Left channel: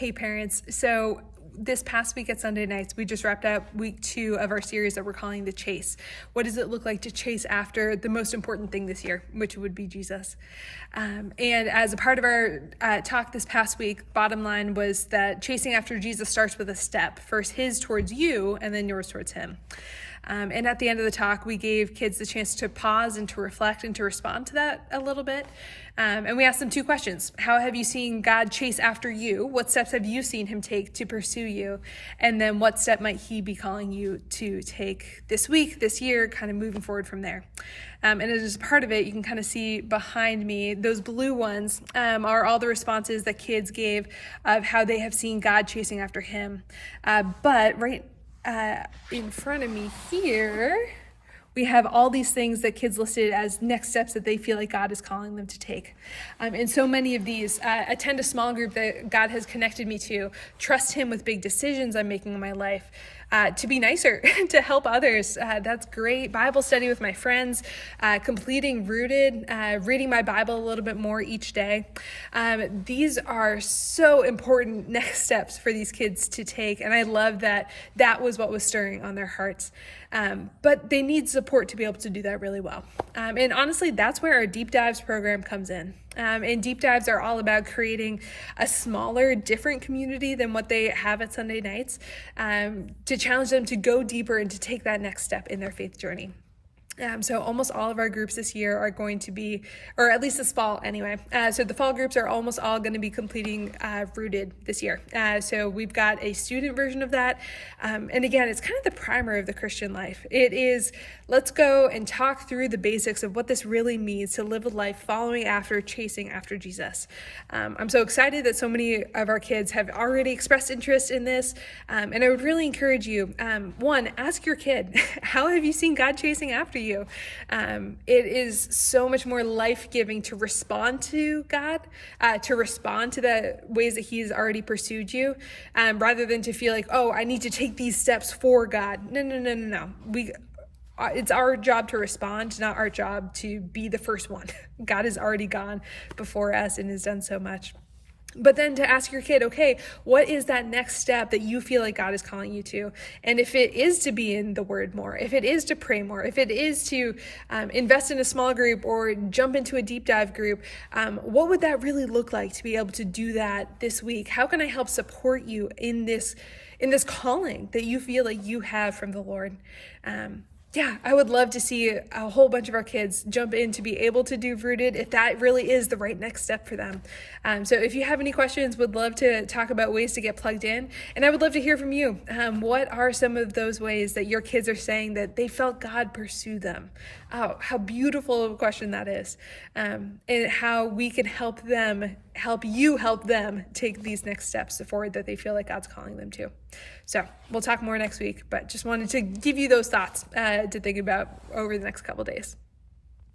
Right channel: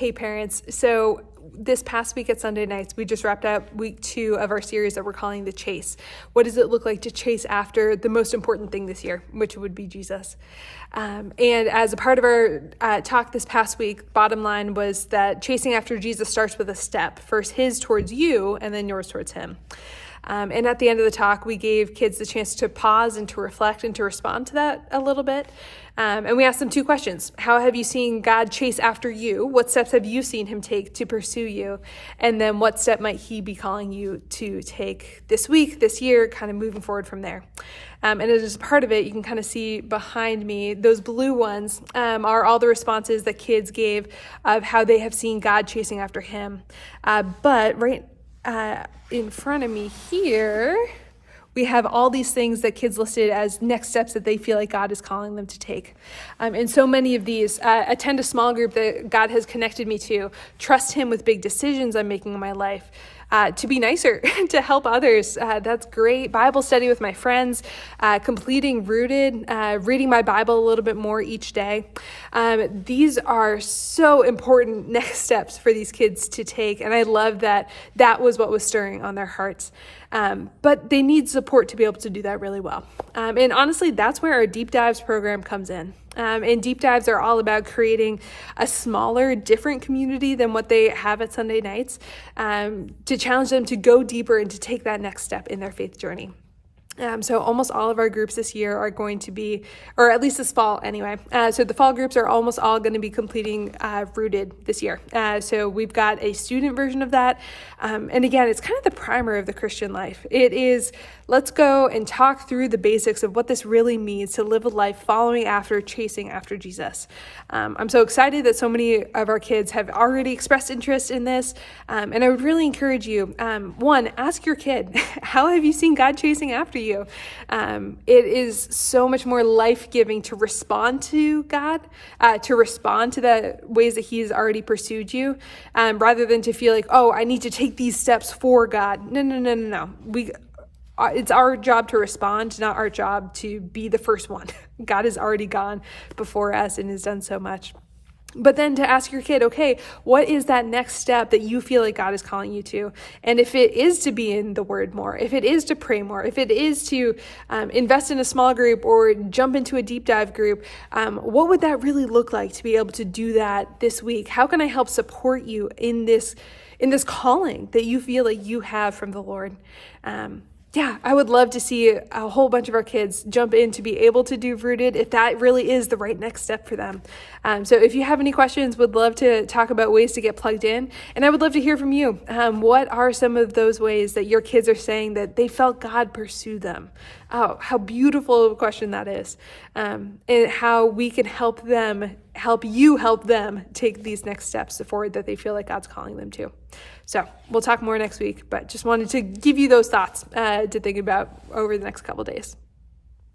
Hey parents, so this past week at Sunday nights, we just wrapped up week 2 of our series that we're calling The Chase. What does it look like to chase after the most important thing this year, which would be Jesus? And as a part of our talk this past week, bottom line was that chasing after Jesus starts with a step. First his towards you, and then yours towards him. And at the end of the talk, we gave kids the chance to pause and to reflect and to respond to that a little bit. And we asked them 2 questions. How have you seen God chase after you? What steps have you seen him take to pursue you? And then what step might he be calling you to take this week, this year, kind of moving forward from there? And as part of it, you can kind of see behind me, those blue ones are all the responses that kids gave of how they have seen God chasing after him. But right in front of me here, we have all these things that kids listed as next steps that they feel like God is calling them to take. And so many of these, attend a small group that God has connected me to, trust him with big decisions I'm making in my life, to be nicer, to help others. That's great. Bible study with my friends, completing Rooted, reading my Bible a little bit more each day. These are so important next steps for these kids to take. And I love that that was what was stirring on their hearts. But they need support to be able to do that really well. And honestly, that's where our Deep Dives program comes in. And Deep Dives are all about creating a smaller, different community than what they have at Sunday nights, to challenge them to go deeper and to take that next step in their faith journey. So almost all of our groups this year are going to be, or at least this fall anyway. So the fall groups are almost all going to be completing Rooted this year. So we've got a student version of that. And again, it's kind of the primer of the Christian life. It is, let's go and talk through the basics of what this really means to live a life following after, chasing after Jesus. I'm so excited that so many of our kids have already expressed interest in this. And I would really encourage you, 1, ask your kid, how have you seen God chasing after you? It is so much more life-giving to respond to God, to respond to the ways that he's already pursued you, rather than to feel like, oh, I need to take these steps for God. No. It's our job to respond, not our job to be the first one. God has already gone before us and has done so much. But then to ask your kid, okay, what is that next step that you feel like God is calling you to? And if it is to be in the Word more, if it is to pray more, if it is to invest in a small group or jump into a deep dive group, what would that really look like to be able to do that this week? How can I help support you in this calling that you feel like you have from the Lord? Yeah, I would love to see a whole bunch of our kids jump in to be able to do Rooted if that really is the right next step for them. So if you have any questions, would love to talk about ways to get plugged in. And I would love to hear from you. What are some of those ways that your kids are saying that they felt God pursue them? Oh, how beautiful of a question that is. And how we can help you help them take these next steps forward that they feel like God's calling them to. So we'll talk more next week, but just wanted to give you those thoughts to think about over the next couple days.